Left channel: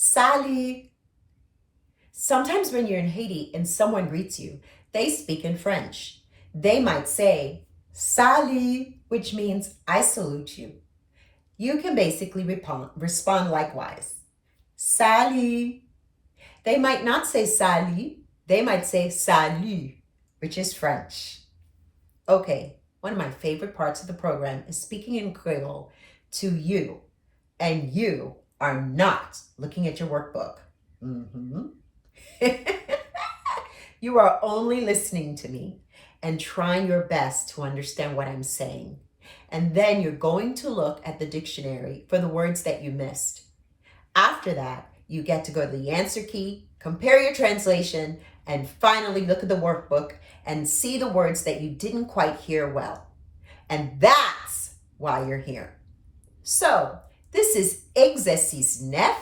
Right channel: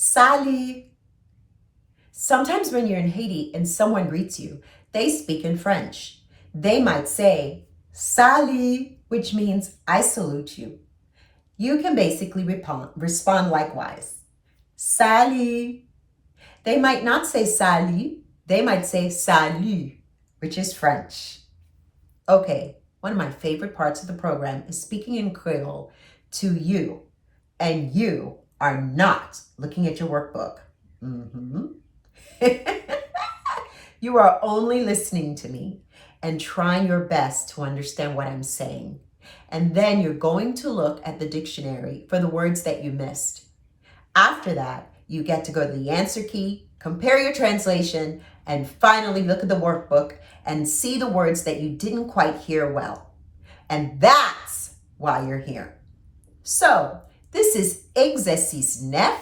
Salut. Sometimes when you're in Haiti and someone greets you, they speak in French. They might say, Salut, which means I salute you. You can basically respond likewise. Salut. They might not say salut, they might say salut, which is French. Okay, one of my favorite parts of the program is speaking in Creole to you, and you are not looking at your workbook. You are only listening to me and trying your best to understand what I'm saying. And then you're going to look at the dictionary for the words that you missed. After that, you get to go to the answer key, compare your translation, and finally look at the workbook and see the words that you didn't quite hear well. And that's why you're here. So, this is Exercice 9,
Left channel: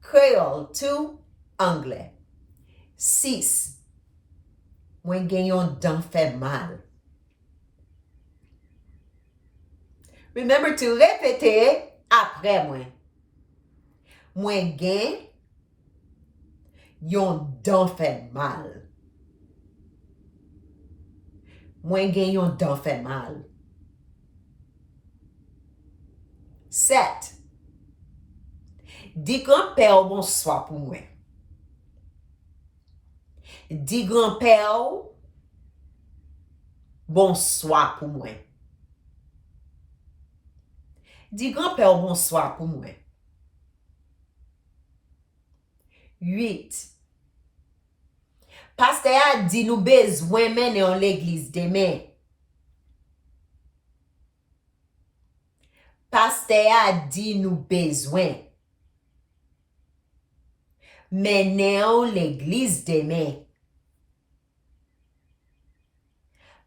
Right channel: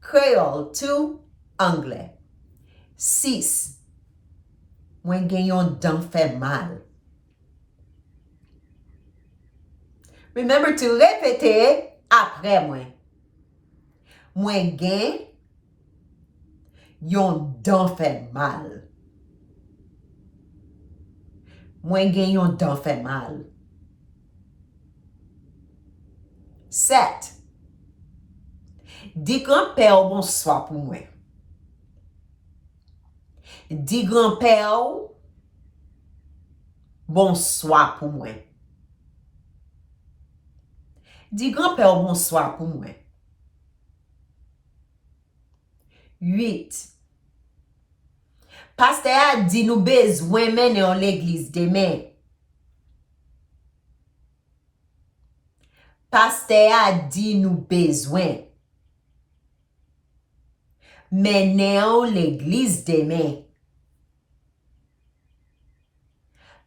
Creole to Anglais. 6. Mwen gen yon dan fè mal. Remember to répéter après moi. Mwen gen yon dan fè mal. Mwen gen yon dan fè mal. 7. Di grand-père bonsoir pou mwen. Di grand-père bonsoir pou mwen. Di grand-père bonsoir pou mwen. 8. Pasteur a di nou bezwen mene an l'église demen. Pasteur a di nou bezwen mene an l'église demen.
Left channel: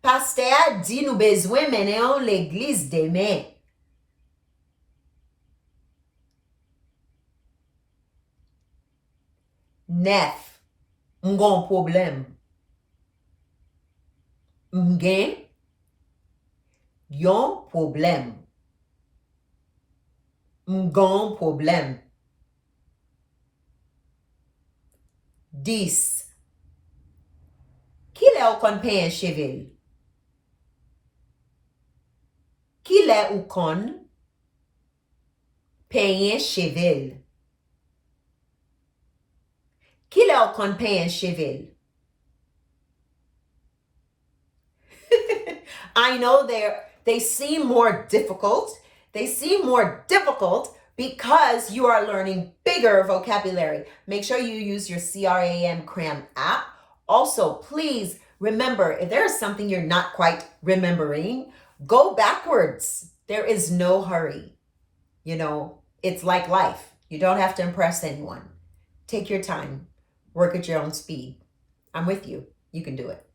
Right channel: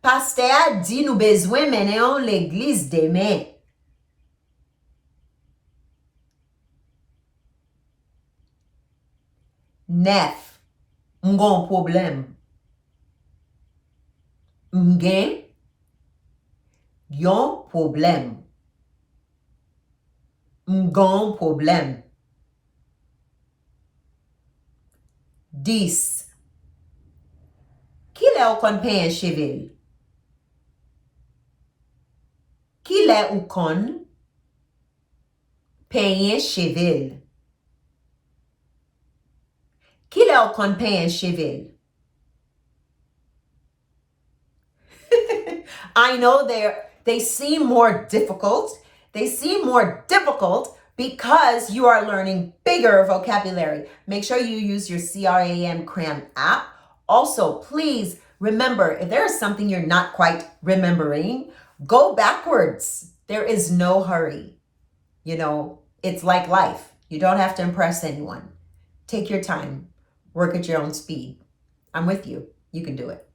Pasteur a di nou bezwen mene an l'église demen. 9. M'gon problem. M'gen yon problem. M'gon problem. 10. Ki le ou kon payen chevel? Ki le ou kon payen chevel? Ki le ou kon payen chevel? I know they seem more difficult. They seem more difficult because you are learning bigger vocabulary. Make sure you use your CRAM Cram app. Also, please remember, if there is something you're not quite remembering, go backwards. There is no hurry. You know, it's like life. You don't have to impress anyone. Take your time. Work at your own speed. I'm with you. You can do it.